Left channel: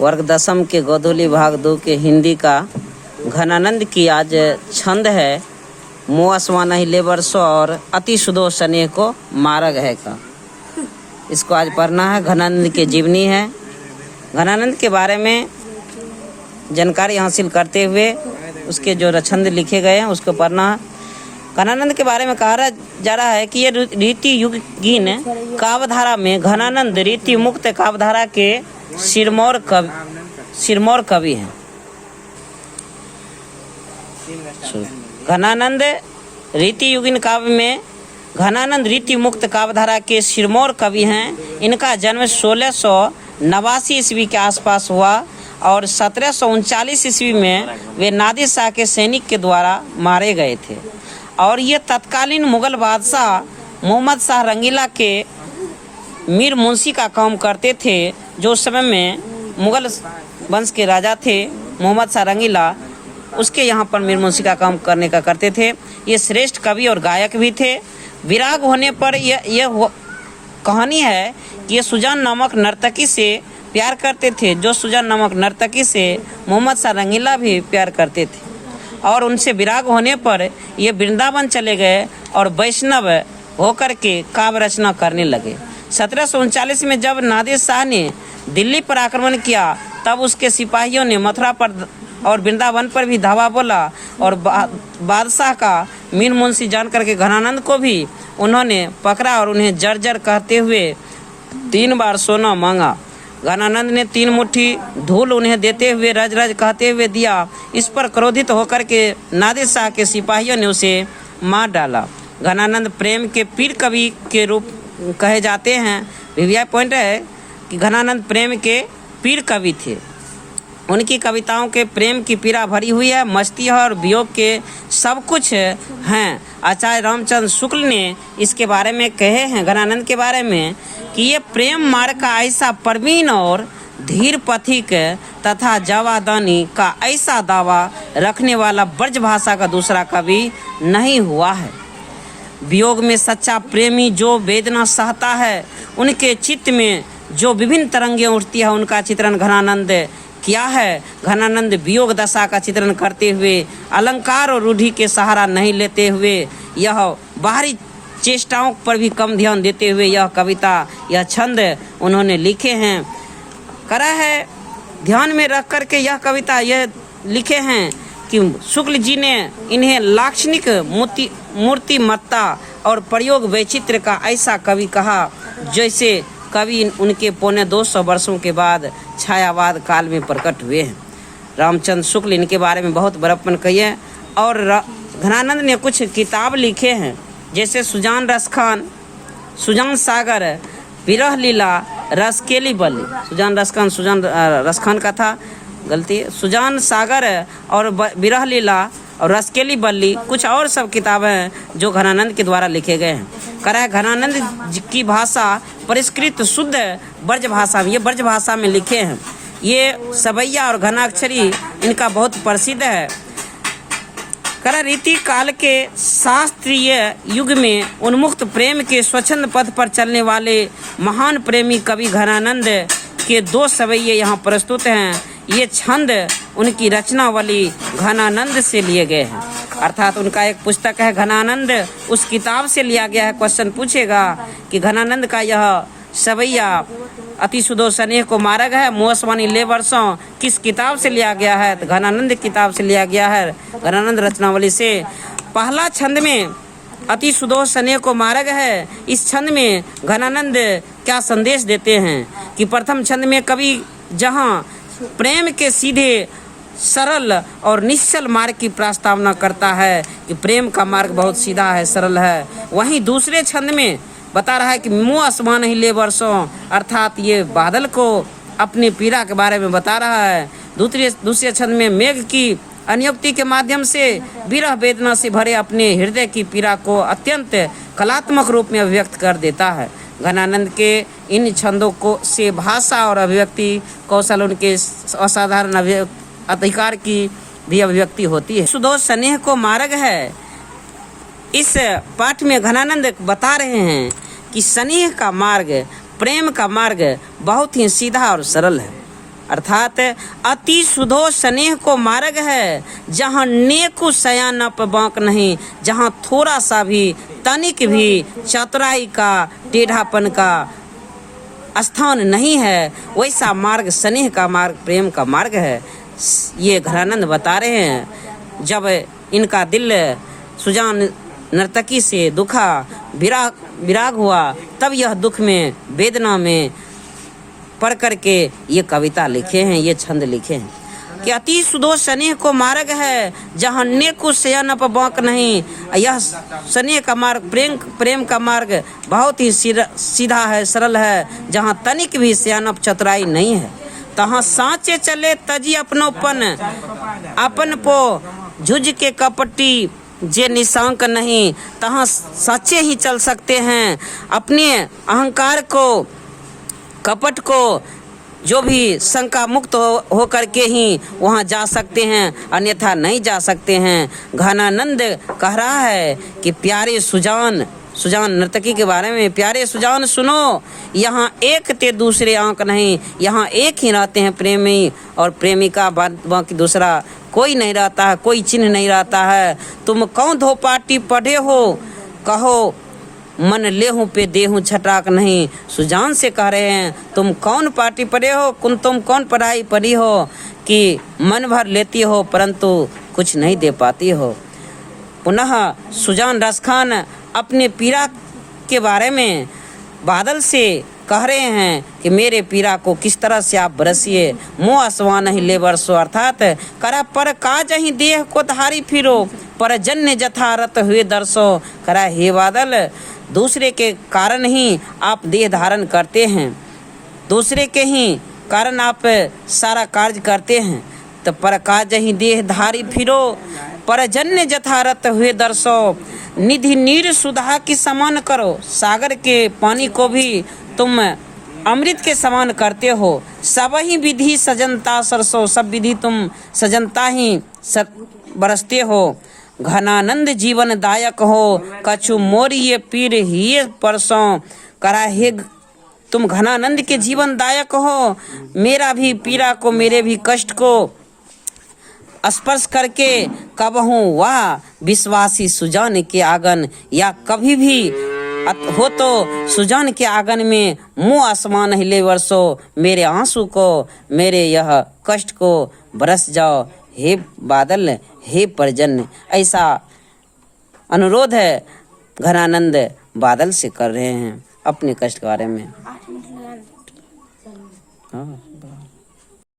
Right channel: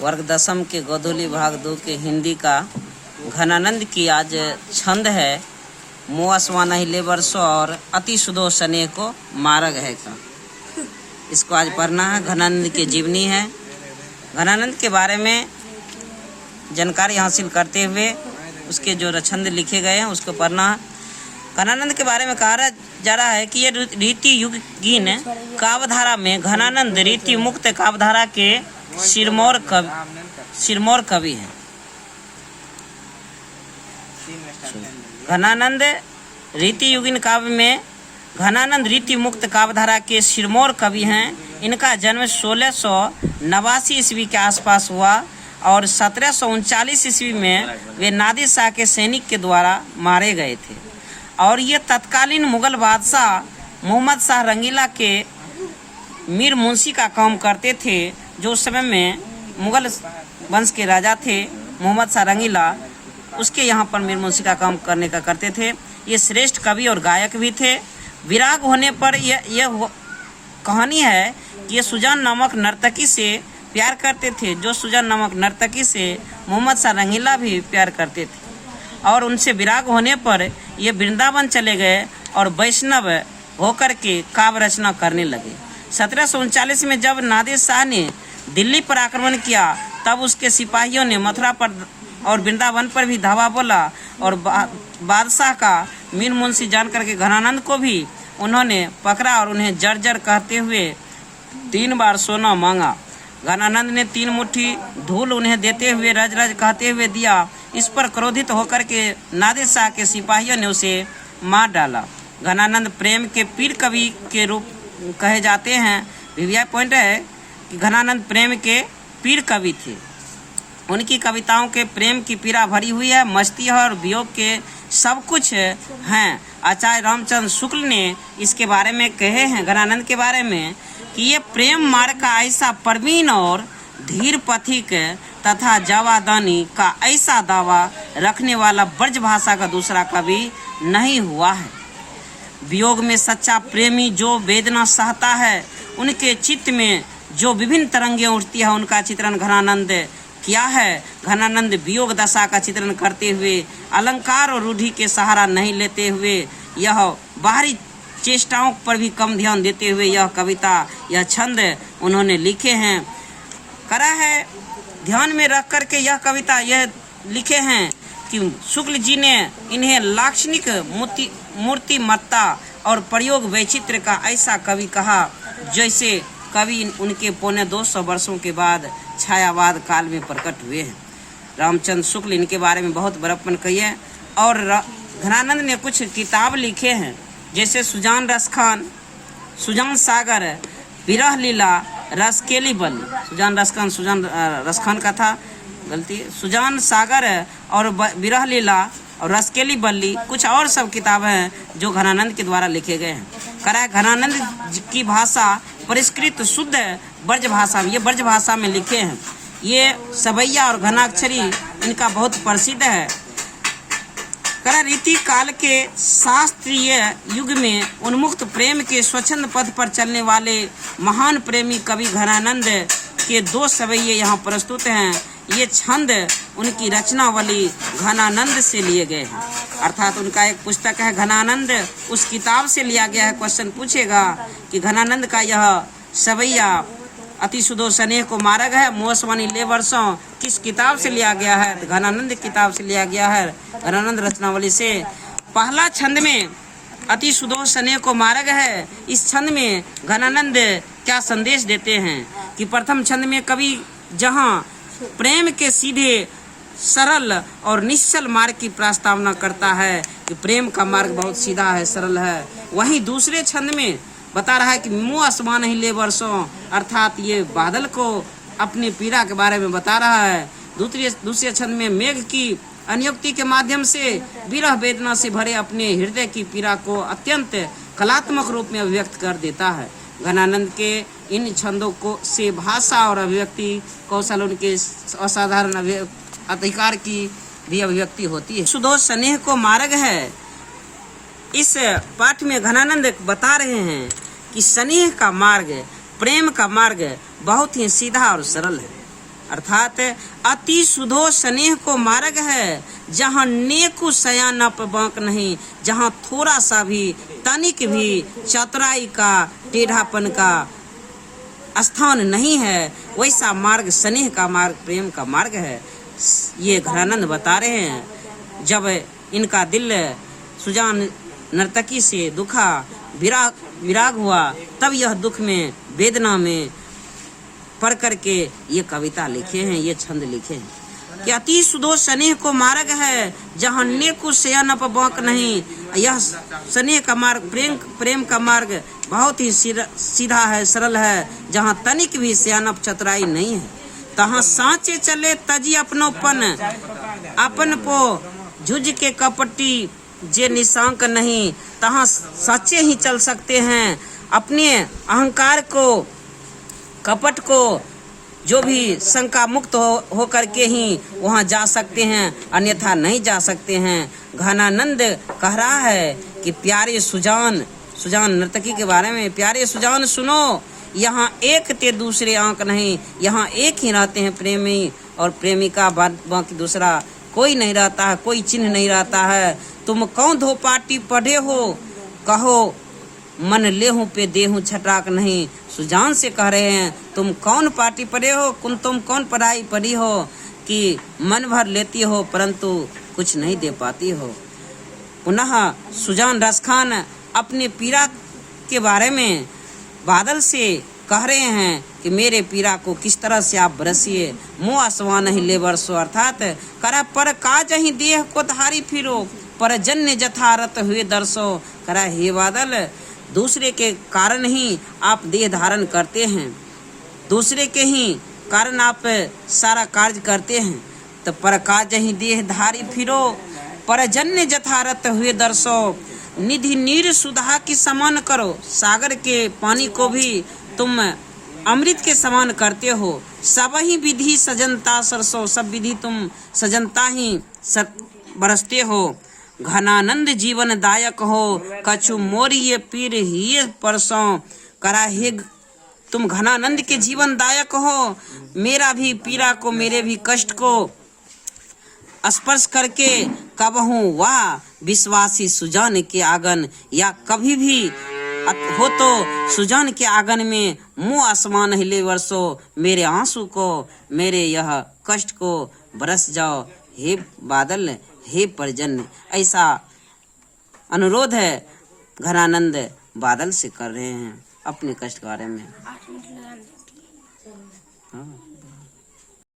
वर्ग दशम के गोधूली भाग 2 के हिंदी का घनानंद की आज छंद है मोअस्मा नहीं ले बरसो और अति सुदो स्नेह को मार्ग है का। इसको आज पढ़ना है। घनानंद की जीवनी है। घनानंद के बारे में जानकारी हासिल करते हुए उसके जो छंद लिखे गए हैं उसको पढ़ना है। घनानंद के बारे में कहा जा रहा है कि ये रीति युगीन काव्यधारा में घनानंद रीति मुक्त काव्यधारा के सिरमौर कवि हैं। घनानंद रीति युगीन काव्य में घनानंद रीति मुक्त काव्यधारा के सिरमौर कवि हैं। इनका जन्म 1689 ईस्वी के आसपास हुआ और 1739 ईस्वी में वे नादिर शाह के सैनिक के द्वारा मारे गए थे और ये तत्कालीन मुगल बादशाह मोहम्मद शाह रंगीला के मीर मुंशी का काम करते थे। जो उस समय में मुगल वंश के राजा थे मोहम्मद शाह रंगीला, उसके यहाँ पर मीर मुंशी का काम करते थे। ये श्रेष्ठ कवि और गायक भी थे। विराग होने पर यह कहानी है कि ये सुजान नामक नर्तकी से प्यार करते थे। जो सुजान नामक नर्तकी से मोहम्मद शाह रंगीला भी प्यार करते थे और उनसे विराग होने पर ये वृंदावन चले गए और वैष्णव होकर के काव्य रचना करने लगे। 1739 में जब नादिर शाह ने दिल्ली पर आक्रमण किया तब उसके सिपाहियों ने मथुरा पर और वृंदावन पर भी धावा बोला और बादशाह का मीर मुंशी जान करके घनानंद को भी उन्होंने पकड़ा और उन्हें जर्जर कहते हुए 3 बार सोना मांगा। घनानंद ने 3 मुट्ठी धूल उन्हें देते हुए रज रज कहते हुए दिया। इस पर क्रोधित होकर के नादिर शाह के सिपाहियों ने उसे मार डाला। घनानंद प्रेम के पीर कवि के रूप कहे जाते हैं। वीवीआई पॉइंट है कि घनानंद प्रेम के पीर कवि थे। उनकी कविताओं के प्रेम की पीड़ा भरी हुई है, मस्ती है और वियोग के सब कुछ हैं। आचार्य रामचंद्र शुक्ल ने इसके बारे में कहे हैं घनानंद के बारे में कि ये प्रेम मार्ग का ऐसा प्रवीण और धीर पथिक तथा जवादानी का ऐसा दावा रखने वाला ब्रज भाषा का दूसरा कवि नहीं हुआ है। वियोग में सच्चा प्रेमी जो वेदना सहता है, उनके चित्त में जो विभिन्न तरंगें उठती है, उनका चित्रण घनानंद किया है। घनानंद वियोग दशा का चित्रण करते हुए अलंकार और रूढ़ि के सहारा नहीं लेते हुए यह बाहरी चेष्टाओं पर भी कम ध्यान देते हुए यह कविता यह छंद उन्होंने लिखे हैं। करा है ध्यान में रख कर के यह कविता यह लिखे हैं कि शुक्ल जी ने इन्हें लाक्षणिक मूर्तिमत्ता और प्रयोग वैचित्र का ऐसा कवि कहा जैसे कवि उनके 250 वर्षों के बाद छायावाद काल में प्रकट हुए हैं। रामचंद्र शुक्ल इनके बारे में बहुत बड़प्पन कही है और घनानंद ने कुछ किताब लिखे हैं जैसे सुजान रसखान, सुजान सागर, विरह लीला, रसकेली बल्ली। सुजान रसखान का था, गलती, सुजान सागर और विरह लीला और रसकेली बल्ली, कुछ और सब किताबें हैं जो घनानंद के द्वारा लिखे गए हैं। करा है घनानंद की भाषा परिष्कृत शुद्ध ब्रज भाषा, ये ब्रज भाषा में लिखे हैं। ये सबैया और घनाक्षरी इनका बहुत प्रसिद्ध है। करा रीति काल के शास्त्रीय युग में उन्मुक्त प्रेम के स्वच्छंद पथ पर चलने वाले महान प्रेमी कवि घनानंद के 2 सवैये यहाँ प्रस्तुत हैं। ये छंद उनकी रचनावली घनानंद से लिए गए हैं, अर्थात उनका एक पुस्तक है घनानंद, उस किताब से लिया गया है। क्वेश्चन पूछेगा कि घनानंद का यह सवैया अति सुदो स्नेह को मार्ग है मोअस्मा नहीं ले बरसो किस किताब से लिया गया है? तो घनानंद किताब से लिया गया है, घनानंद रचनावली से। पहला छंद में अति सुदो स्नेह को मार्ग है। इस छंद में घनानंद क्या संदेश देते हैं कि प्रथम छंद में कवि जहाँ प्रेम के सीधे सरल और निश्चल मार्ग की प्रस्तावना करता है कि प्रेम का मार्ग बहुत सीधा है, सरल है, वहीं दूसरे छंद में बता रहा है कि मोअस्मा नहीं ले बरसों, अर्थात ये बादल को अपनी पीड़ा के बारे में बता रहा है। दूसरे छंद में मेघ की अनुक्ति के माध्यम से विरह वेदना से भरे अपने हृदय की पीड़ा को अत्यंत कलात्मक रूप में अभिव्यक्त कर देता है। घनानंद के इन छंदों को से भाषा और अभिव्यक्ति कौशल उनके असाधारण अधिकार की भी अभिव्यक्ति होती है। सुदो स्नेह को मार्ग है। इस पाठ में घनानंद बता रहे हैं कि स्नेह का मार्ग प्रेम का मार्ग बहुत ही सीधा और सरल है। अर्थात अति सुधो स्नेह को मार्ग है, जहाँ नेकु सयानप बांक नहीं, जहाँ थोड़ा सा भी तनिक भी चतुराई का टेढ़ापन का स्थान नहीं है, वैसा मार्ग स्नेह का मार्ग, प्रेम का मार्ग है। ये घरानंद बता रहे हैं। जब इनका दिल सुजान नर्तकी से दुखा विराग हुआ, तब यह दुख में, वेदना में पढ़ करके ये कविता लिखे हैं, ये छंद लिखे हैं कि अति सुधो स्नेह को मार्ग है, जहाँ नेकु सयानप बांक नहीं। यह स्नेह का मार्ग, प्रेम का मार्ग बहुत ही सीधा है, सरल है, जहाँ तनिक भी सयानप चतुराई नहीं है। तहाँ सांचे चले तजी अपनोपन, अपन पो झुझ के कपटी जे निशांक नहीं। तहाँ सच्चे ही चल सकते हैं, अपने अहंकार को, कपट को, जो भी शंका मुक्त हो करके ही वहाँ जा सकते हैं, अन्यथा नहीं जा सकते हैं। घनानंद कह रहा है कि प्यारे सुजान नर्तकी के बारे में, प्यारे सुजान सुनो, यहाँ एक ते दूसरे आंक नहीं, यहाँ एक ही रहते हैं प्रेमी और प्रेमिका, बाकी दूसरा कोई नहीं रहता है, कोई चिन्ह नहीं रहता है। तुम कौन धो पाटी पढ़े हो, कहो मन लेहूं पे देहूं छटाक नहीं। सुजान से कह रहे हैं, तुम कौन पार्टी पढ़े हो, तुम कौन पढ़ाई पढ़ी हो कि मन भर लेती हो परंतु कुछ नहीं दे पाती हो। पुनः सुजान रसखान अपने पीड़ा के बारे में बादल से कह रहे हैं कि मेरे पीड़ा को किस तरह से आप बरसिए, मुँह आसवा नहीं ले बरसो। अर्थात करा पर काज ही देह को धारी फिरो, पर जन्य जथारत हुए दर्शो। करा हे बादल, दूसरे के कारण ही आप देह धारण करते हैं, दूसरे के ही कारण आप सारा कार्य करते हैं। तो पर काज ही देह धारी फिरो, पर जन्य जथारत हुए दर्शो। निधि नीर सुधा की समान करो, सागर के पानी को भी तुम अमृत के समान करते हो। सब ही विधि सजनता सरसो, सब विधि तुम सजनता ही बरसते हो। घनानंद जीवन दायक हो, कछु मोरी ये पीर ही परसों। करा हे तुम घनानंद के जीवन दायक हो, मेरा भी पीड़ा को, मेरे भी कष्ट को स्पर्श करके कबहूँ वाह विश्वासी सुजान के आंगन, या कभी भी हो तो सुजान के आंगन में मुँह आसमान हिले वर्षो। मेरे आंसू को, मेरे यह कष्ट को बरस जाओ हे बादल, हे परजन्य। ऐसा अनुरोध है घनानंद बादल से कर रहे हैं अपने कष्ट के बारे में।